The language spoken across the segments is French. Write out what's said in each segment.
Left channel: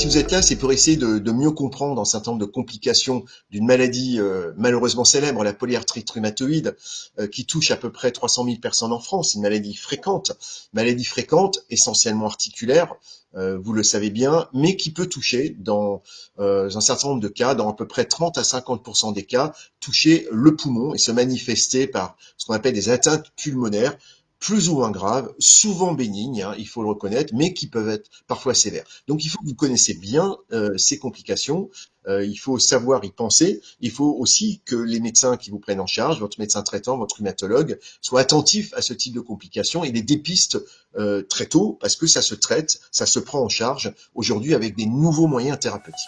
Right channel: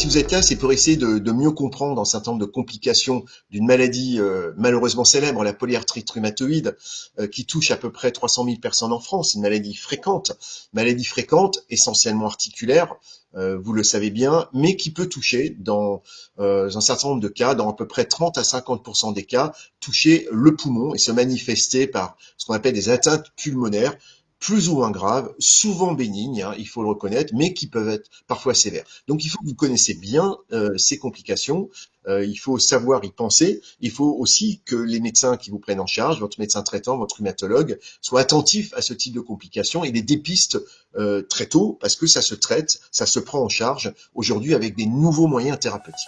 Si vous êtes là, c'est pour essayer de mieux comprendre un certain nombre de complications d'une maladie malheureusement célèbre, la polyarthrite rhumatoïde, qui touche à peu près 300 000 personnes en France. C'est une maladie fréquente, essentiellement articulaire, vous le savez bien, mais qui peut toucher dans un certain nombre de cas, dans à peu près 30 à 50% des cas, toucher le poumon et se manifester par ce qu'on appelle des atteintes pulmonaires, plus ou moins graves, souvent bénignes, il faut le reconnaître, mais qui peuvent être parfois sévères. Donc il faut que vous connaissiez bien ces complications, il faut savoir y penser, il faut aussi que les médecins qui vous prennent en charge, votre médecin traitant, votre rhumatologue, soient attentifs à ce type de complications et les dépistent très tôt, parce que ça se traite, ça se prend en charge aujourd'hui avec des nouveaux moyens thérapeutiques.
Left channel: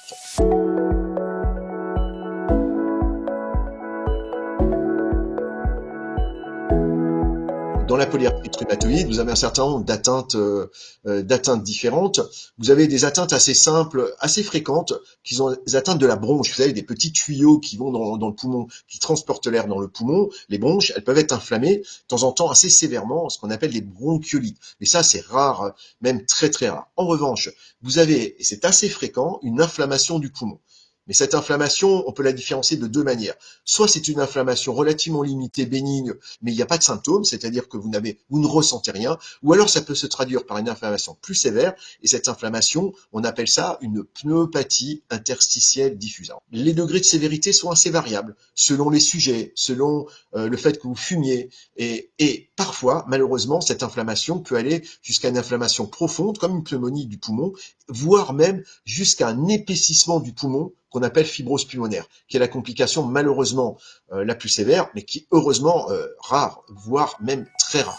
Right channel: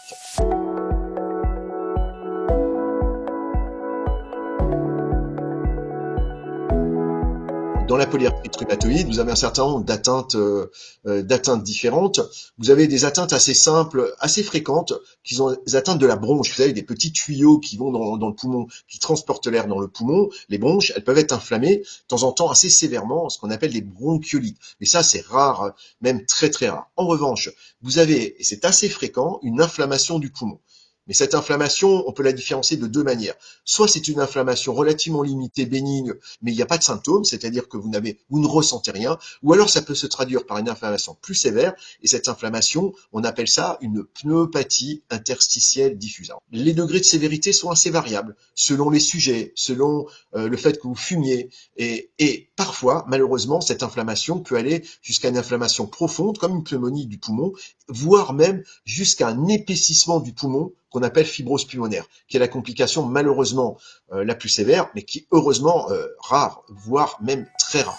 Dans la polyarthrite rhumatoïde, vous avez un certain nombre d'atteintes différentes. Vous avez des atteintes assez simples, assez fréquentes, qui sont des atteintes de la bronche. Vous savez, des petits tuyaux qui vont dans le poumon, qui transportent l'air dans le poumon. Les bronches, elles peuvent être inflammées, de temps en temps assez sévèrement, ce qu'on appelle des bronchiolites. Mais ça, c'est rare, même très très rare. En revanche, vous avez, et c'est assez fréquent, une inflammation du poumon. Mais cette inflammation, on peut la différencier de deux manières. Soit c'est une inflammation relativement limitée, bénigne, mais il n'y a pas de symptômes, c'est-à-dire que vous ne ressentez rien, ou alors ça peut se traduire par une inflammation plus sévère, et cette inflammation, on appelle ça une pneumopathie interstitielle diffuse. Les degrés de sévérité sont assez variables, selon les sujets, selon le fait que vous fumiez, et parfois, malheureusement, cette inflammation peut aller jusqu'à une inflammation profonde, comme une pneumonie du poumon, voire même jusqu'à un épaississement du poumon qu'on appelle fibrose pulmonaire, qui est la complication malheureusement la plus sévère, mais qui est heureusement rare, voire même très rare.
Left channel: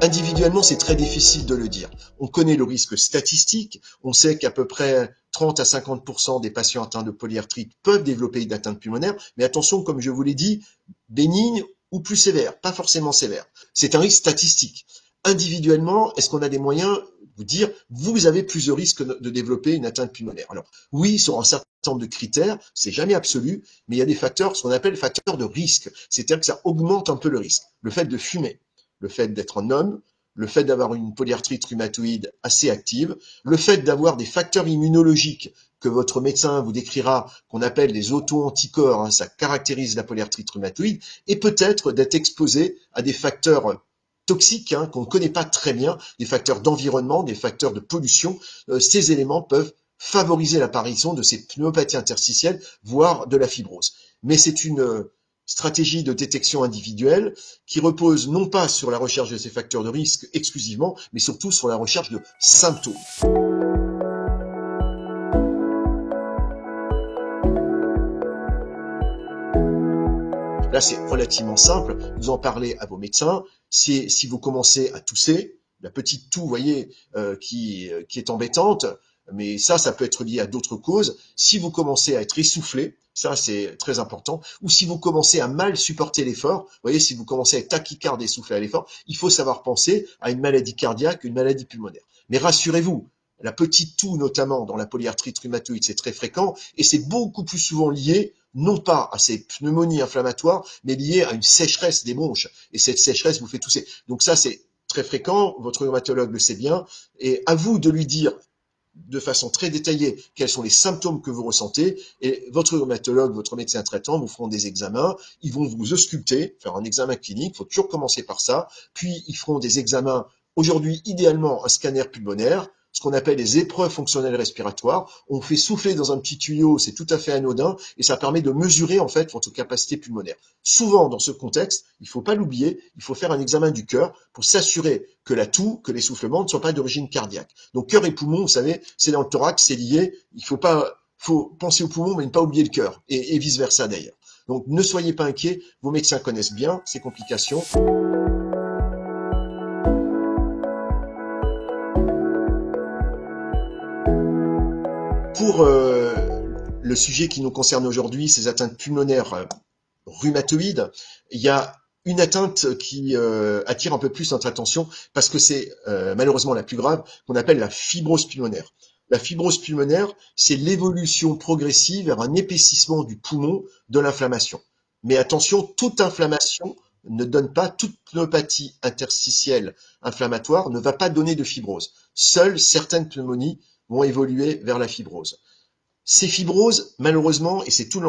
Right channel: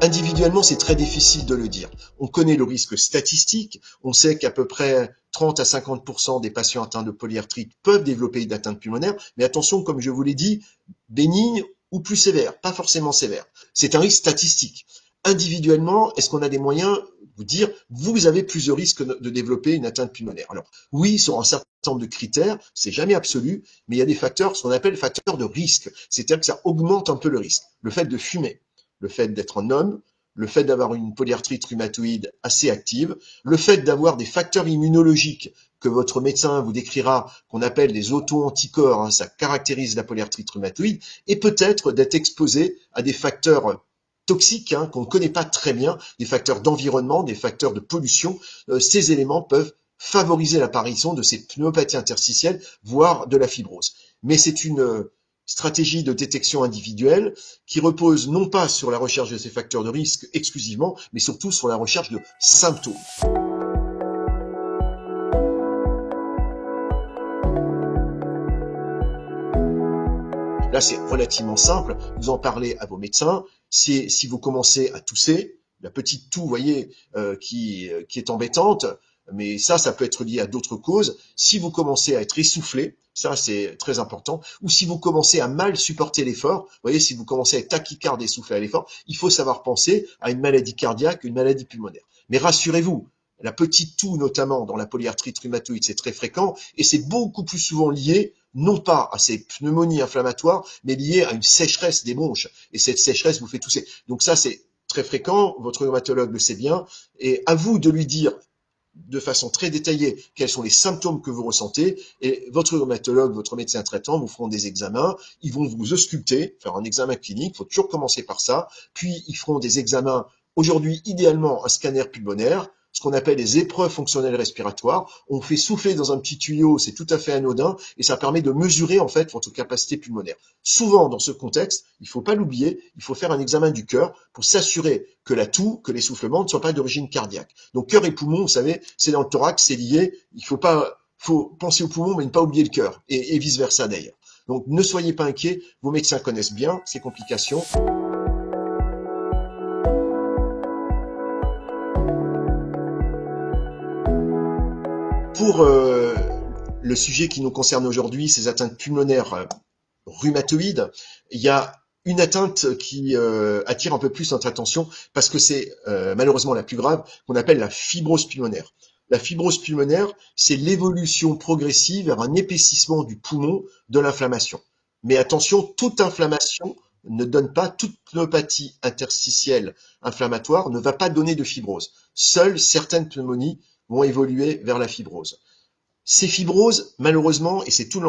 Individuellement, c'est très difficile de le dire. On connaît le risque statistique, on sait qu'à peu près 30 à 50% des patients atteints de polyarthrite peuvent développer une atteinte pulmonaire, mais attention, comme je vous l'ai dit, bénigne ou plus sévère, pas forcément sévère. C'est un risque statistique. Individuellement, est-ce qu'on a des moyens de vous dire, vous avez plus de risques de développer une atteinte pulmonaire? Alors, oui, sur un certain nombre de critères, c'est jamais absolu, mais il y a des facteurs, ce qu'on appelle facteurs de risque. C'est-à-dire que ça augmente un peu le risque. Le fait de fumer, le fait d'être un homme, le fait d'avoir une polyarthrite rhumatoïde assez active, le fait d'avoir des facteurs immunologiques que votre médecin vous décrira, qu'on appelle des auto-anticorps, ça caractérise la polyarthrite rhumatoïde, et peut-être d'être exposé à des facteurs toxiques qu'on ne connaît pas très bien, des facteurs d'environnement, des facteurs de pollution. Ces éléments peuvent favoriser l'apparition de ces pneumopathies interstitielles, voire de la fibrose. Mais c'est une stratégie de détection individuelle qui repose non pas sur la recherche de ces facteurs de risque exclusivement, mais surtout sur la recherche de symptômes. Là, c'est relativement simple. Vous en parlez à vos médecins. Si vous commencez à tousser, la petite toux, vous voyez, qui est embêtante, mais ça peut être lié à d'autres causes. Si vous commencez à être essoufflé, ça c'est très important, ou si vous commencez à mal supporter l'effort, vous voyez, si vous commencez à être tachycarde et essoufflé à l'effort, il faut savoir penser à une maladie cardiaque, une maladie pulmonaire. Mais rassurez-vous, la petite toux, notamment dans la polyarthrite rhumatoïde, c'est très fréquent, et c'est beaucoup plus souvent lié non pas à ces pneumonies inflammatoires, mais lié à une sécheresse des bronches. Et cette sécheresse vous fait tousser. Donc ça, c'est très fréquent, votre rhumatologue le sait bien, et à vous de lui dire de façon très détaillée quels sont les symptômes que vous ressentez, et votre rhumatologue, votre médecin traitant vous feront des examens, ils vont vous ausculter, faire un examen clinique, il faut toujours commencer par ça, puis ils feront des examens, aujourd'hui idéalement un scanner pulmonaire, ce qu'on appelle les épreuves fonctionnelles respiratoires. On fait souffler dans un petit tuyau, c'est tout à fait anodin, et ça permet de mesurer en fait votre capacité pulmonaire. Souvent, dans ce contexte, il ne faut pas l'oublier, il faut faire un examen du cœur pour s'assurer que la toux, que l'essoufflement ne soient pas d'origine cardiaque. Donc cœur et poumon, vous savez, c'est dans le thorax, c'est lié. Faut penser au poumon, mais ne pas oublier le cœur, et vice versa d'ailleurs. Donc ne soyez pas inquiets, vos médecins connaissent bien ces complications. Pour le sujet qui nous concerne aujourd'hui, ces atteintes pulmonaires rhumatoïdes, il y a une atteinte qui attire un peu plus notre attention parce que c'est malheureusement la plus grave, qu'on appelle la fibrose pulmonaire. La fibrose pulmonaire, c'est l'évolution progressive vers un épaississement du poumon de l'inflammation. Mais attention, toute inflammation ne donne pas, toute pneumopathie interstitielle inflammatoire ne va pas donner de fibrose. Seules certaines pneumonies vont évoluer vers la fibrose. Ces fibroses, malheureusement, et c'est tout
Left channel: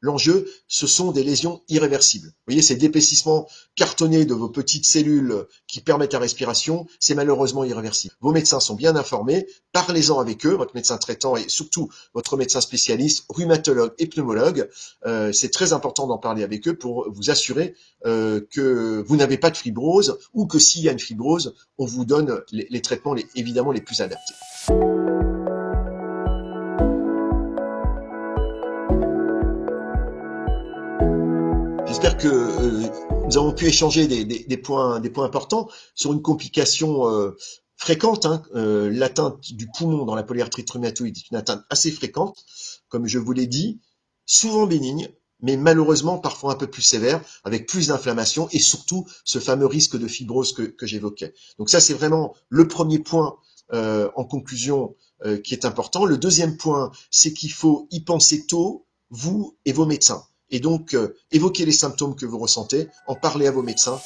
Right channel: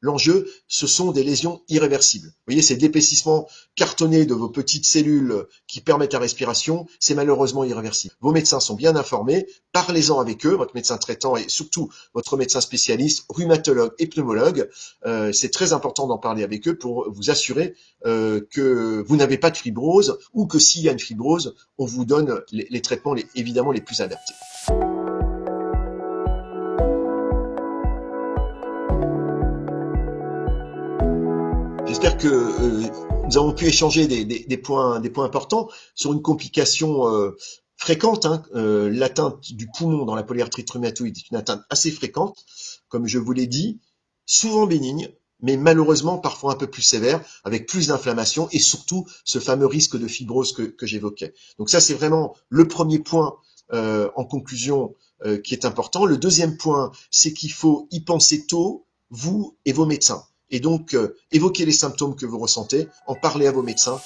l'enjeu, ce sont des lésions irréversibles. Vous voyez, c'est l'épaississement cartonné de vos petites cellules qui permettent la respiration, c'est malheureusement irréversible. Vos médecins sont bien informés, parlez-en avec eux, votre médecin traitant et surtout votre médecin spécialiste, rhumatologue et pneumologue. C'est très important d'en parler avec eux pour vous assurer que vous n'avez pas de fibrose ou que s'il y a une fibrose, on vous donne les traitements évidemment les plus adaptés. J'espère que nous avons pu échanger des points importants sur une complication fréquente. L'atteinte du poumon dans la polyarthrite rhumatoïde est une atteinte assez fréquente, comme je vous l'ai dit, souvent bénigne, mais malheureusement parfois un peu plus sévère, avec plus d'inflammation et surtout ce fameux risque de fibrose que j'évoquais. Donc ça, c'est vraiment le premier point en conclusion qui est important. Le deuxième point, c'est qu'il faut y penser tôt, vous et vos médecins. Et donc, évoquez les symptômes que vous ressentez, en parlez à vos médecins.